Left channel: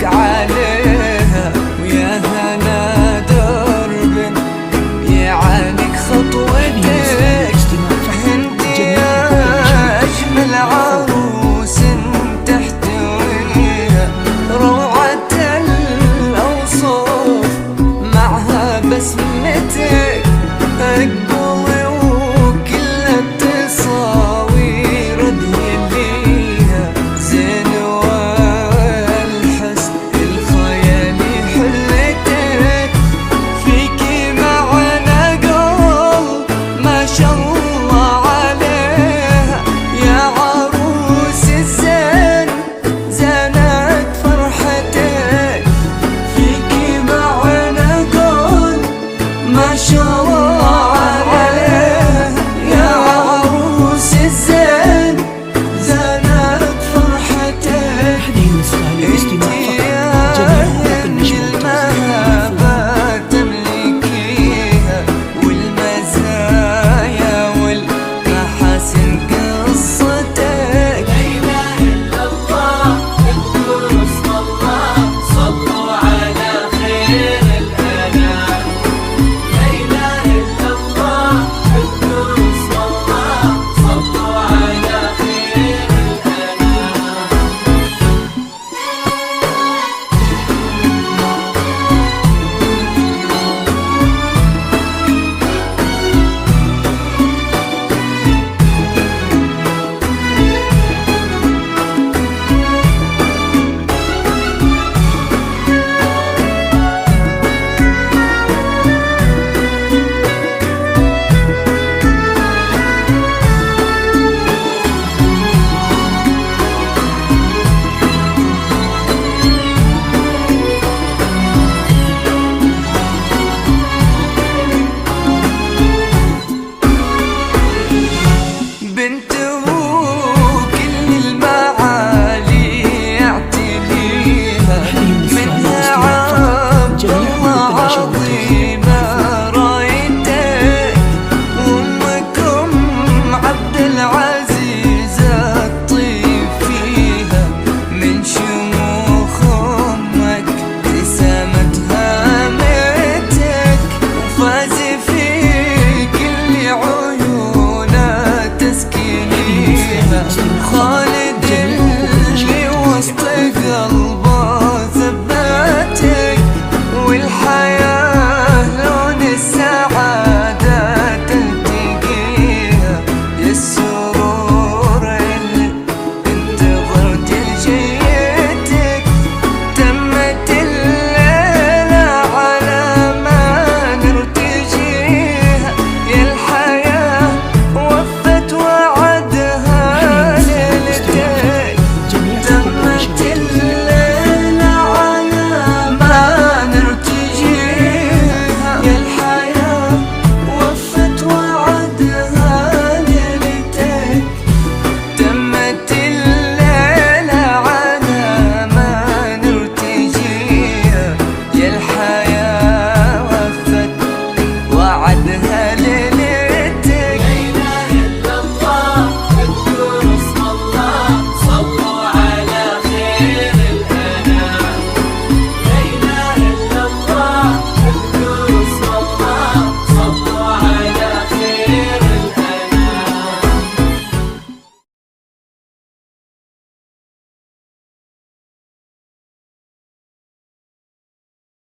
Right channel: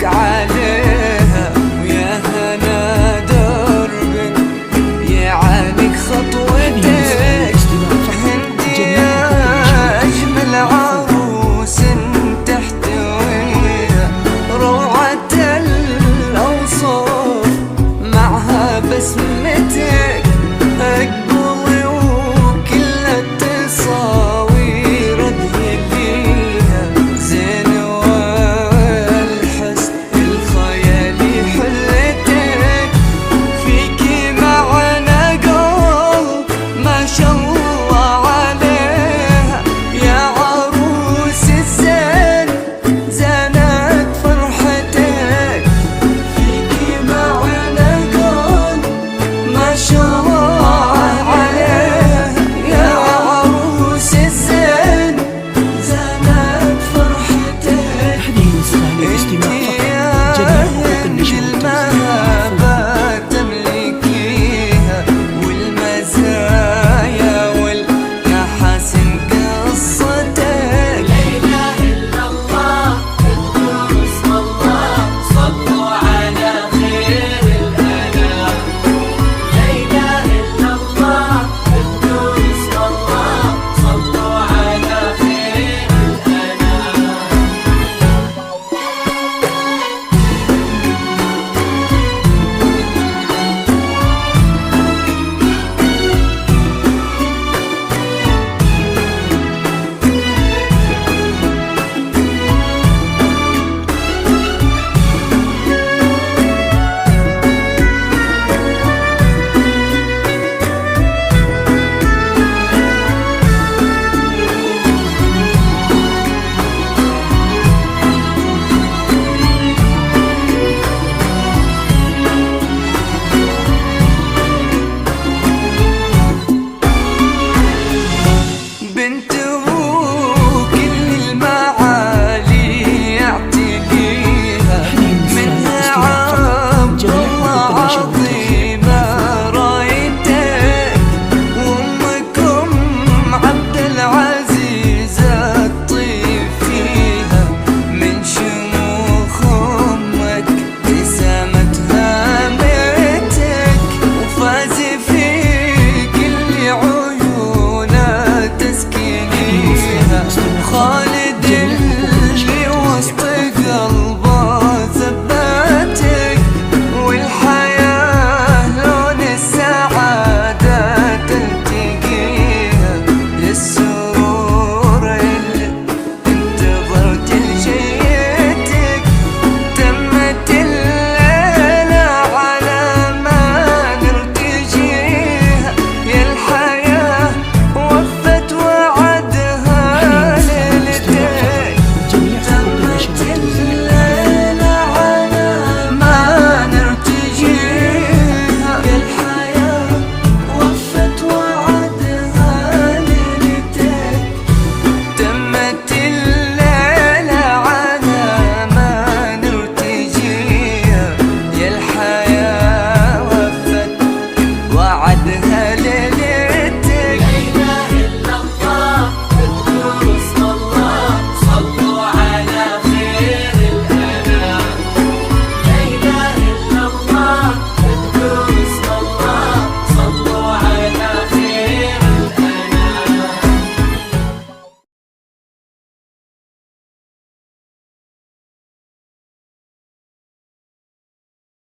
لك عليها، ويا هنا درب يعانق خطوتك. انت يا اجمل عروس تحتويها روعة الاوصاف معها بسمتك. اقبلي وكل التصاوير ادهليها زين والحسن الخيالي حلتك. فيكي معنى قول ما شاء الله عليها، يا عروس الزين زانت فرحتك. فيكي معنى قول ما شاء الله عليها، يا عروس الزين زانت فرحتك. هذه النسخة للاستماع فقط، جميع حقوق النشر المهابة تملكيها والمزايا والمحاسن قصتك. لا إله إلا الله القدوس والله صلوا على خير الأنام. لا إله إلا الله القدوس والله صلوا على خير الأنام. بنت كل المعالي يعتليها، منها عبد الله عظيمة رايتك. وامكم عبد العزيز الطيب فيها، من شموخ امك ابتسامت هامتك. وفاز في كل عيونها تسكينيها، خالد اللي وسط قلبه ثبتك. والحياة لون السعادة تلتقيها، يا السرور اللي انتظرت لجيتك. تمت الليلة على ما نرتجيها، يا الحياة وفت وعدها ليلتك. تمت الليلة على ما نرتجيها، يا الحياة وفت وعدها ليلتك. تمت